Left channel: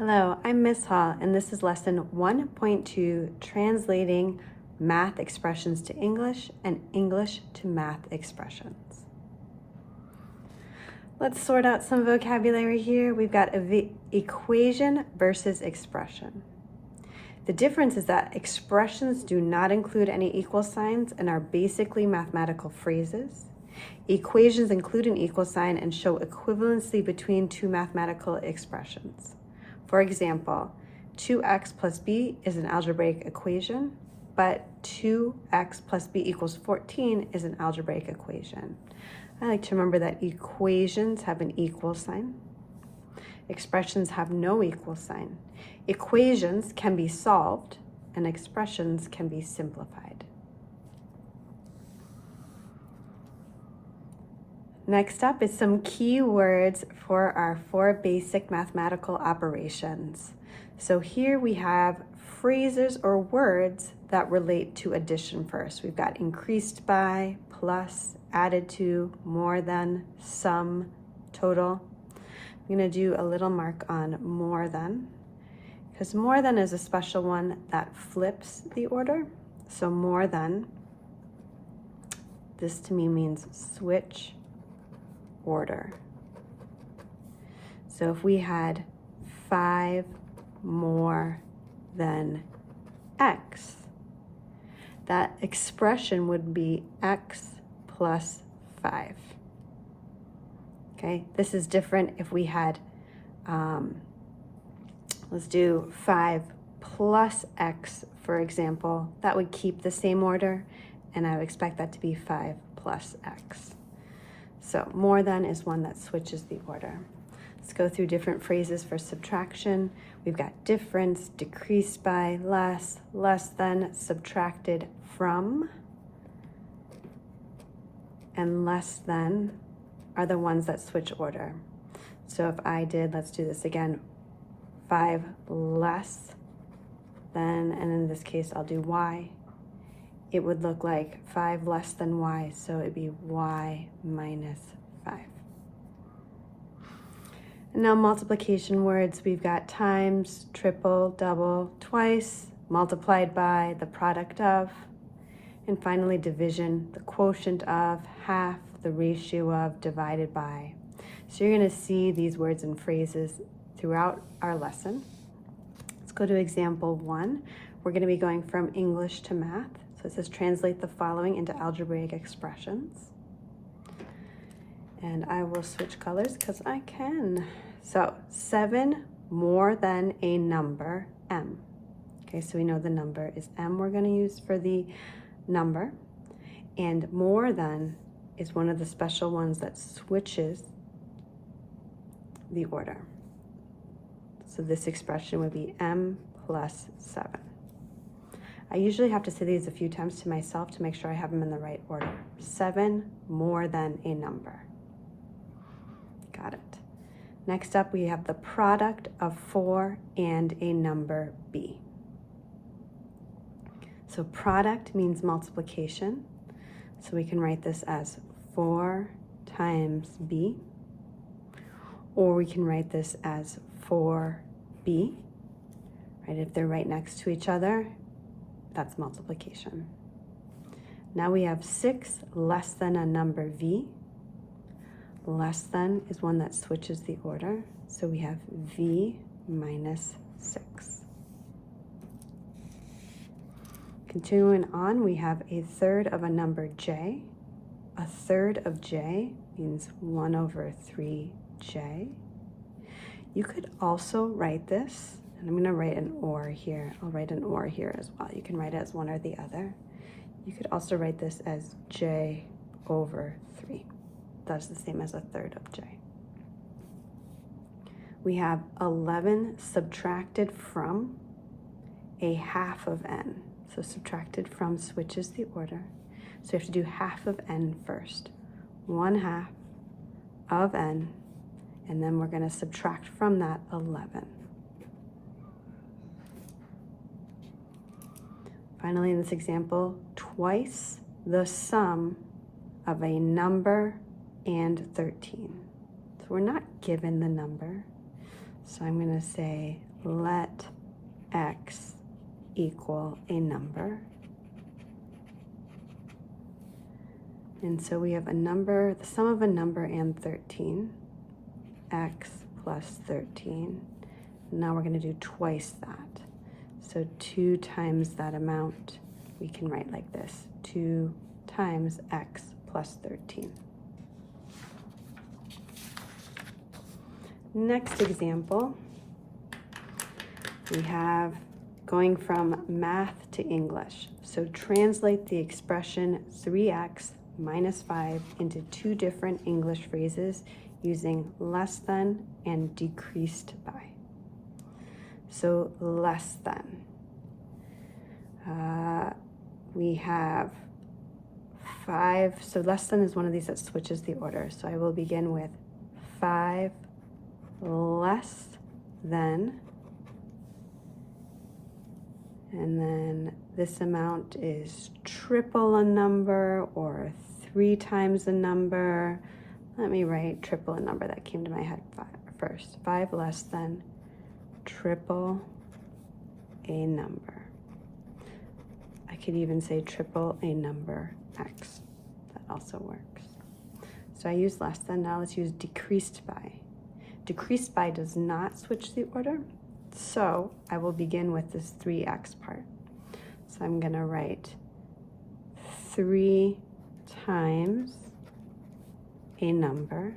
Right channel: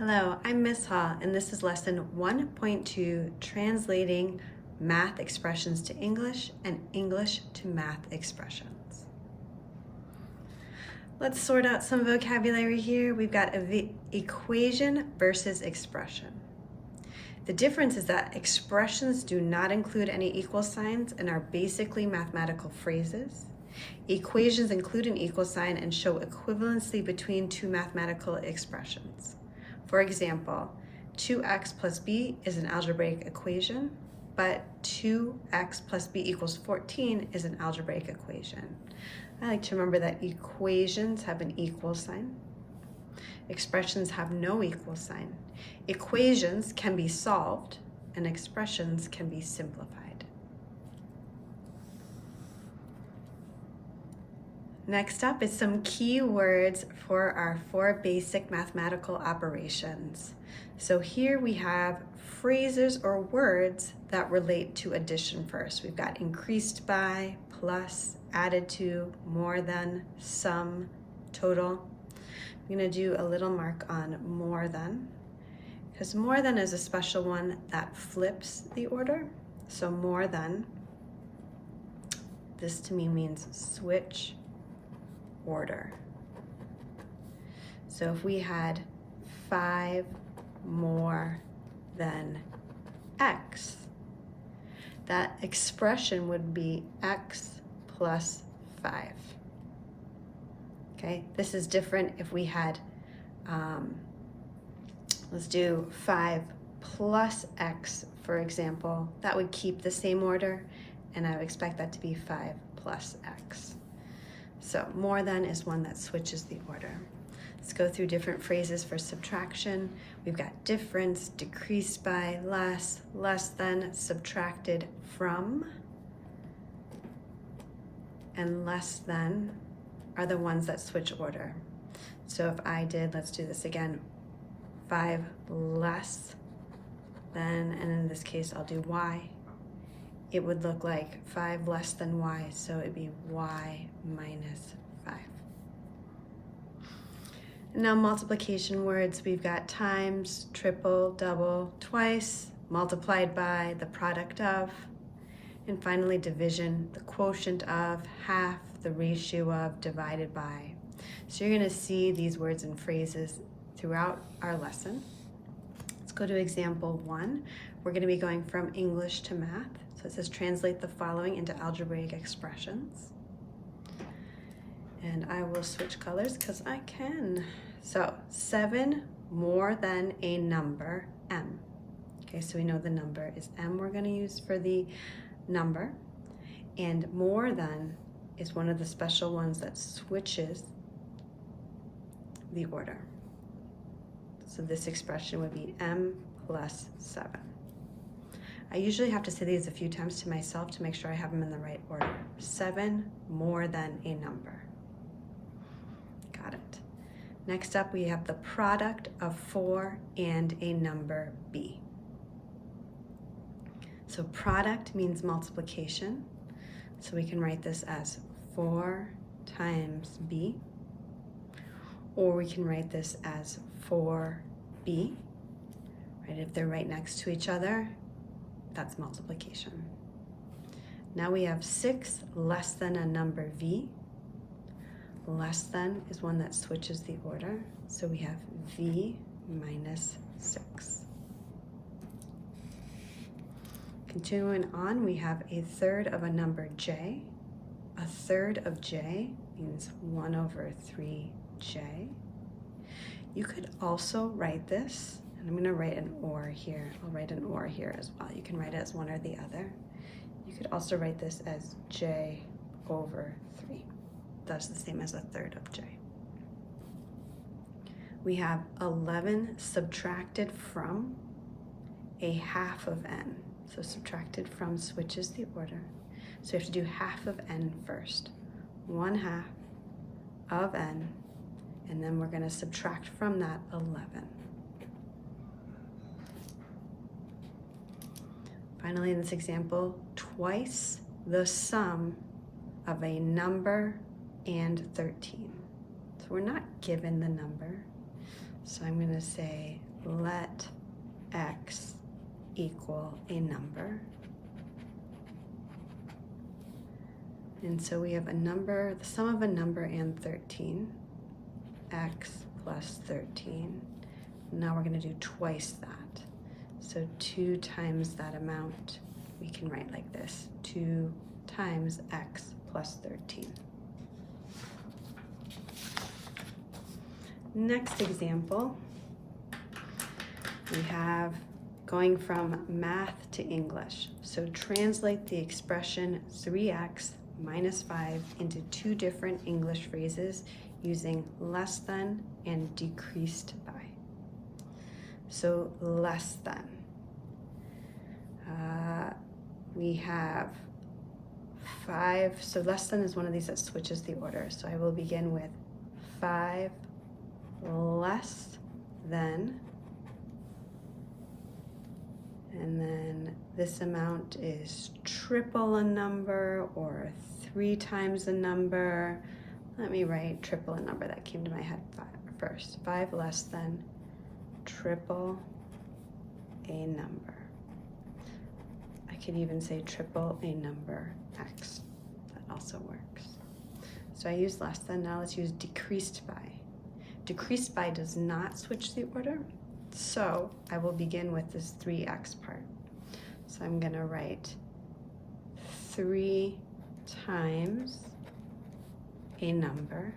Hello, I'm Miss Hall, and this is lesson 1.2, translating math expressions to English and English to math expressions. Let's sort out some vocabulary here. We've got equation versus expression. The difference is that expressions do not include any equal signs and are basically mathematical phrases. Equations include an equal sign and show equivalency between two mathematical expressions. For example, 2x plus b is an algebraic equation, but 2x plus b equals 14 is an algebraic equation. I like to remember that equations have an equal sign. Expressions have no equal sign. Equations can be solved, and expressions can be simplified. Next up is some key words for our 4 basic mathematical operations. So here we have phrases or words that relate to addition first. We've got increased by, plus, added to, more than, sum, total. I'm going to do a little mark on more than, because more than is a special one that flips the order. So more than, this to me means switch order. So if we had 5 more than x, that expression would be x plus 5. Okay, this is different if we had, let's do 5 plus x, for example. That would keep the same order, and I would expect that to be 5 plus x. So more than is one that switches the order. Let's go through different phrases for subtraction. We've got difference, decreased by, less, less than, subtracted from, and less than are the ones that switch order. So if I did, let's do this again, 5 less than, and in this case I'll do y, it would look like 5 less than y, so it'd be y minus 5. And now multiplication words, we've got times, triple, double, twice, multiplied by, the product of, and finally division, the quotient of, half, the ratio of, divided by. So you're going to see these words and phrases throughout our lesson. Let's go to example 1. We're going to be going from English to math. So it says translate the following into algebraic expressions. And I will switch colors because I can. So 7 more than a number, m. Okay, so we know the number is m we're going to use for the number. And more than is one of the special ones that switches the order. So this expression would be m plus 7. I usually have to say these a few times to myself to make sure I have them in the right order. 7 more than a number. Got it. Next up, we have the product of 4 and a number b. So product means multiplication. So we can write this as 4 times b, or we can write this as 4b. Right? If they're right next to each other, that's multiplication. Now we have 6 less than a number v. Less than is one that switches the order. So we have v minus 6. Continuing on, we have a third of a number j. A third of j means 1 over 3j. You could also write this, and I'm going to write an or here. I'll write an or here as well. You can write it as one or the other. You could also write this as j over 3. That's the same as a third of j. We have 11 subtracted from a half of n. So subtracted from switches the order. So you have to do half of n first. 1/2 of n, and then we're going to subtract from that 11. Finally, in this example, twice the sum of a number and 13. So we're not given the number. So I'm going to say let x equal a number. And so we have a number, the sum of a number and 13, x plus 13. Now we're going to do twice that. So 2 times that amount, we can write like this, 2 times x plus 13. Next example, we have going from math to English. So translate the expression 3x minus 5 into 2 different English phrases using less than and decreased by. So less than. We have 5, so less than is one of these that switches the order. So I will begin with 5 less than, and then this amount is triple a number or 3 times a number. Let me write triple a number. That came to my head first. 5 less than triple a number. I could even say triple a number x. That also works. So I use less than. Now let's use decreased by. Decreased by does not switch the order. So I will begin with this 3x part. So I'm going to write 3 times a number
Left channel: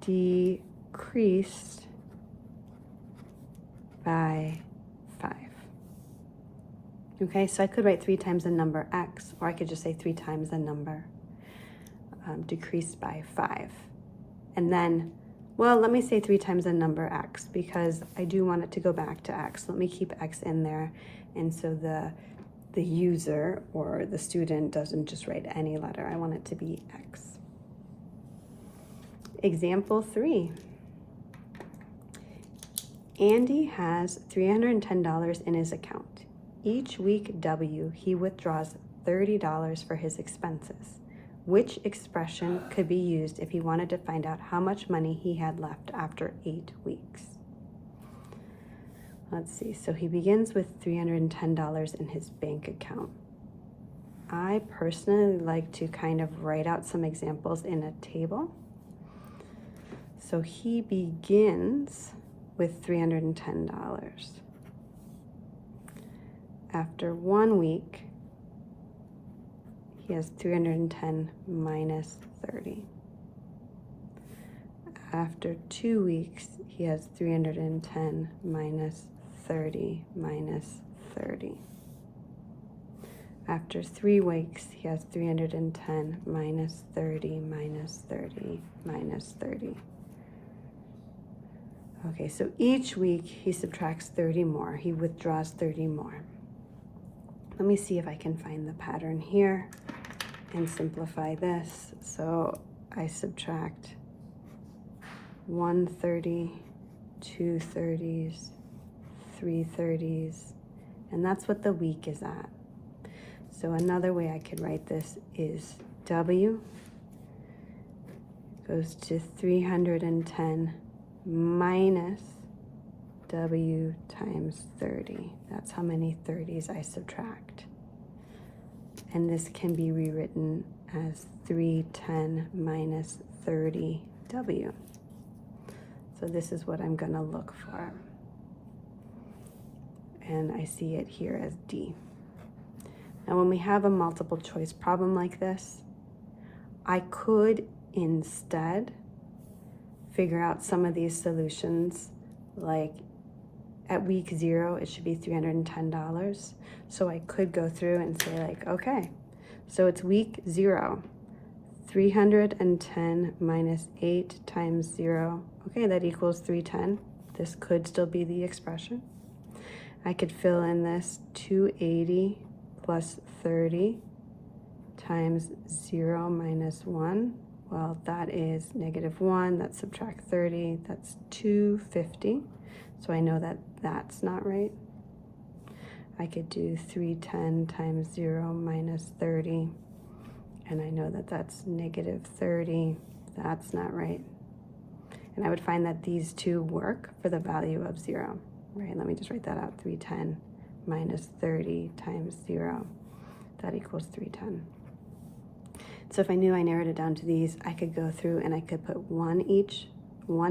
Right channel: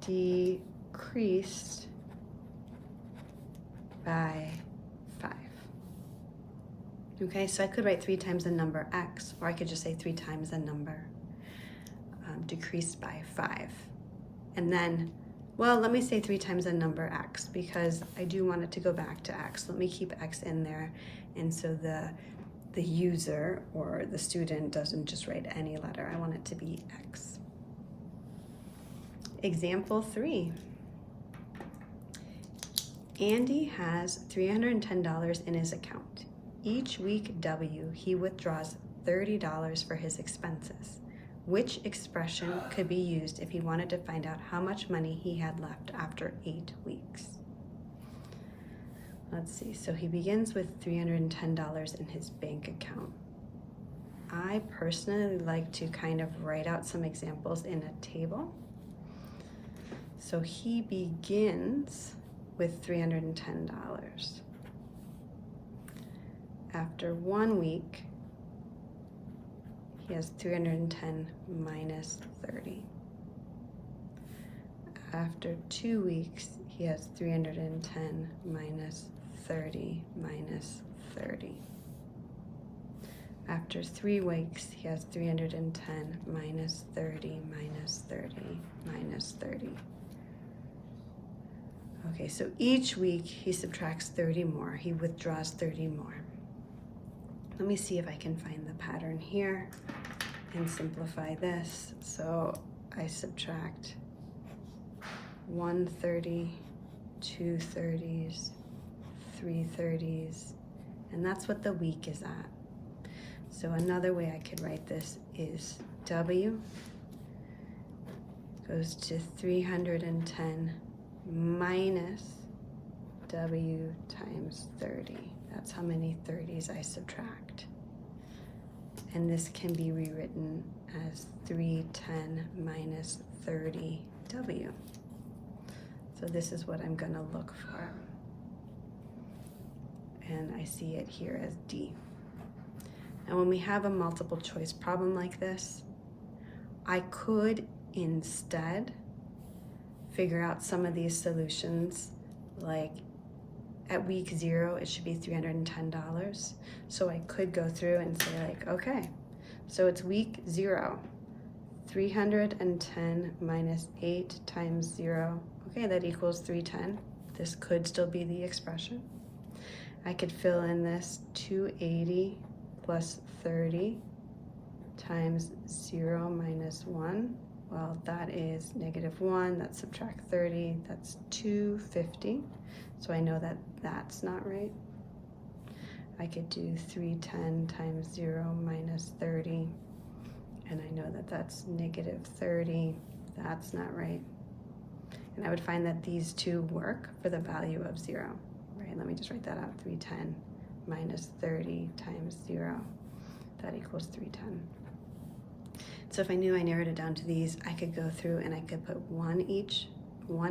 decreased by 5. Okay, so I could write 3 times a number x, or I could just say 3 times a number decreased by 5. And then, well, let me say 3 times a number x, because I do want it to go back to x. Let me keep x in there, and so the user or the student doesn't just write any letter. I want it to be x. Example 3. Andy has $310 in his account. Each week W, he withdraws $30 for his expenses. Which expression could be used if he wanted to find out how much money he had left after 8 weeks? Let's see, so he begins with $310 in his bank account. I personally like to kind of write out some examples in a table. So he begins with $310. After 1 week, he has 310 minus 30. After 2 weeks, he has 310 minus 30 minus 30. After 3 weeks, he has 310 minus 30 minus 30 minus 30. Okay, so each week he subtracts 30 more. He withdraws 30 more. Let me see if I can find the pattern here and simplify this. So I subtract 1 30, 2 30s, 3 30s, and that's what the week is at. So another way I could write this is W goes to 310 minus W times 30. That's how many 30s I subtract. And this can be rewritten as 310 minus 30W. So this is what I'm going to look for. And I see it here as D. Now when we have a multiple choice problem like this, I could instead figure out some of these solutions, like at week 0, it should be $310. So I could go through and say like, okay, so it's week 0, 310 minus 8 times 0. Okay, that equals 310. This could still be the expression. I could fill in this 280 plus 30 times 0 minus 1. Well, that is -1. Let's subtract 30. That's 250. So I know that that's not right. I could do 310 times 0 minus 30. And I know that that's -30. That's not right. And I would find that these two work for the value of 0. Right, let me just write that out. 310 minus 30 times 0. That equals 310. So if I knew I narrowed it down to these, I could go through and I could put one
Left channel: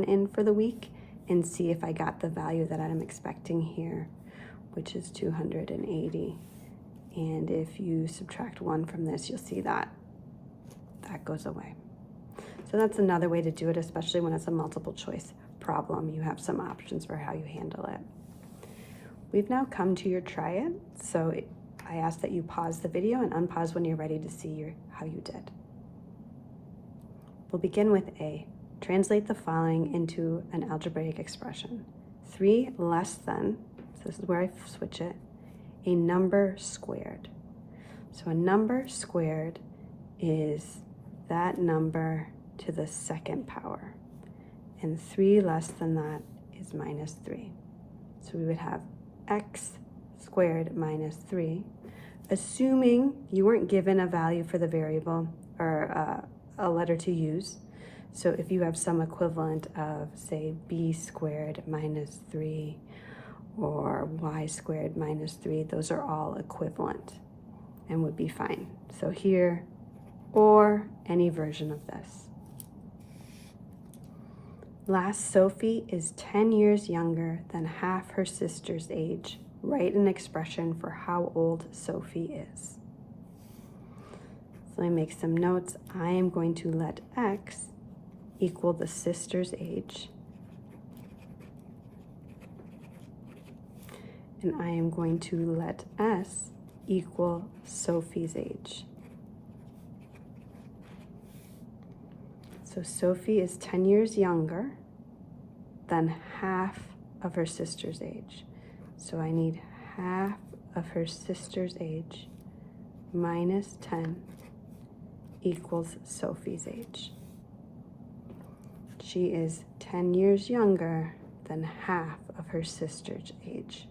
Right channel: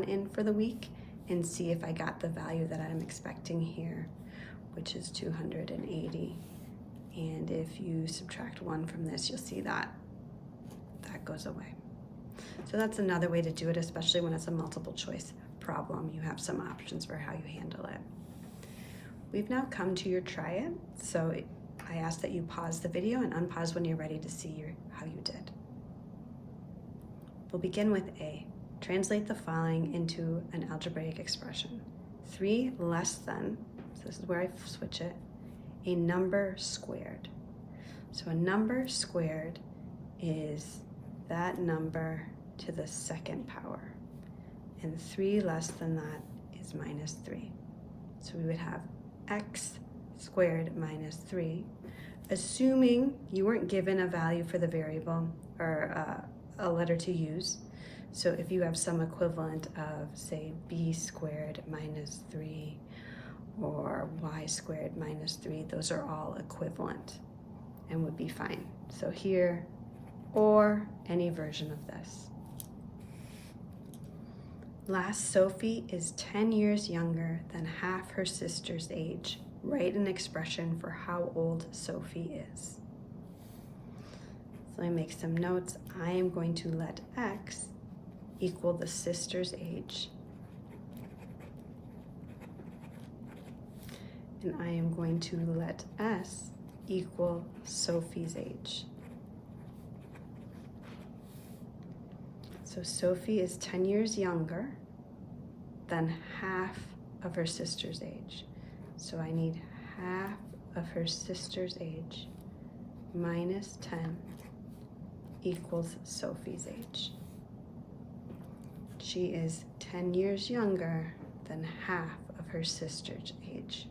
in for the week and see if I got the value that I'm expecting here, which is 280. And if you subtract 1 from this, you'll see that that goes away. So that's another way to do it, especially when it's a multiple choice problem. You have some options for how you handle it. We've now come to your try it. So I ask that you pause the video and unpause when you're ready to see how you did. We'll begin with A. Translate the following into an algebraic expression. 3 less than, so this is where I switch it, a number squared. So a number squared is that number to the second power. And 3 less than that is minus 3. So we would have x squared minus 3, assuming you weren't given a value for the variable or a letter to use. So if you have some equivalent of, say, b squared minus 3 or y squared minus 3, those are all equivalent and would be fine. So here, or any version of this. Last, Sophie is 10 years younger than half her sister's age. Write an expression for how old Sophie is. So let me make some notes. I am going to let x equal the sister's age. And I am going to let s equal Sophie's age. So Sophie is 10 years younger than half of her sister's age. So I need half of her sister's age minus 10 equals Sophie's age. She is 10 years younger than half of her sister's age.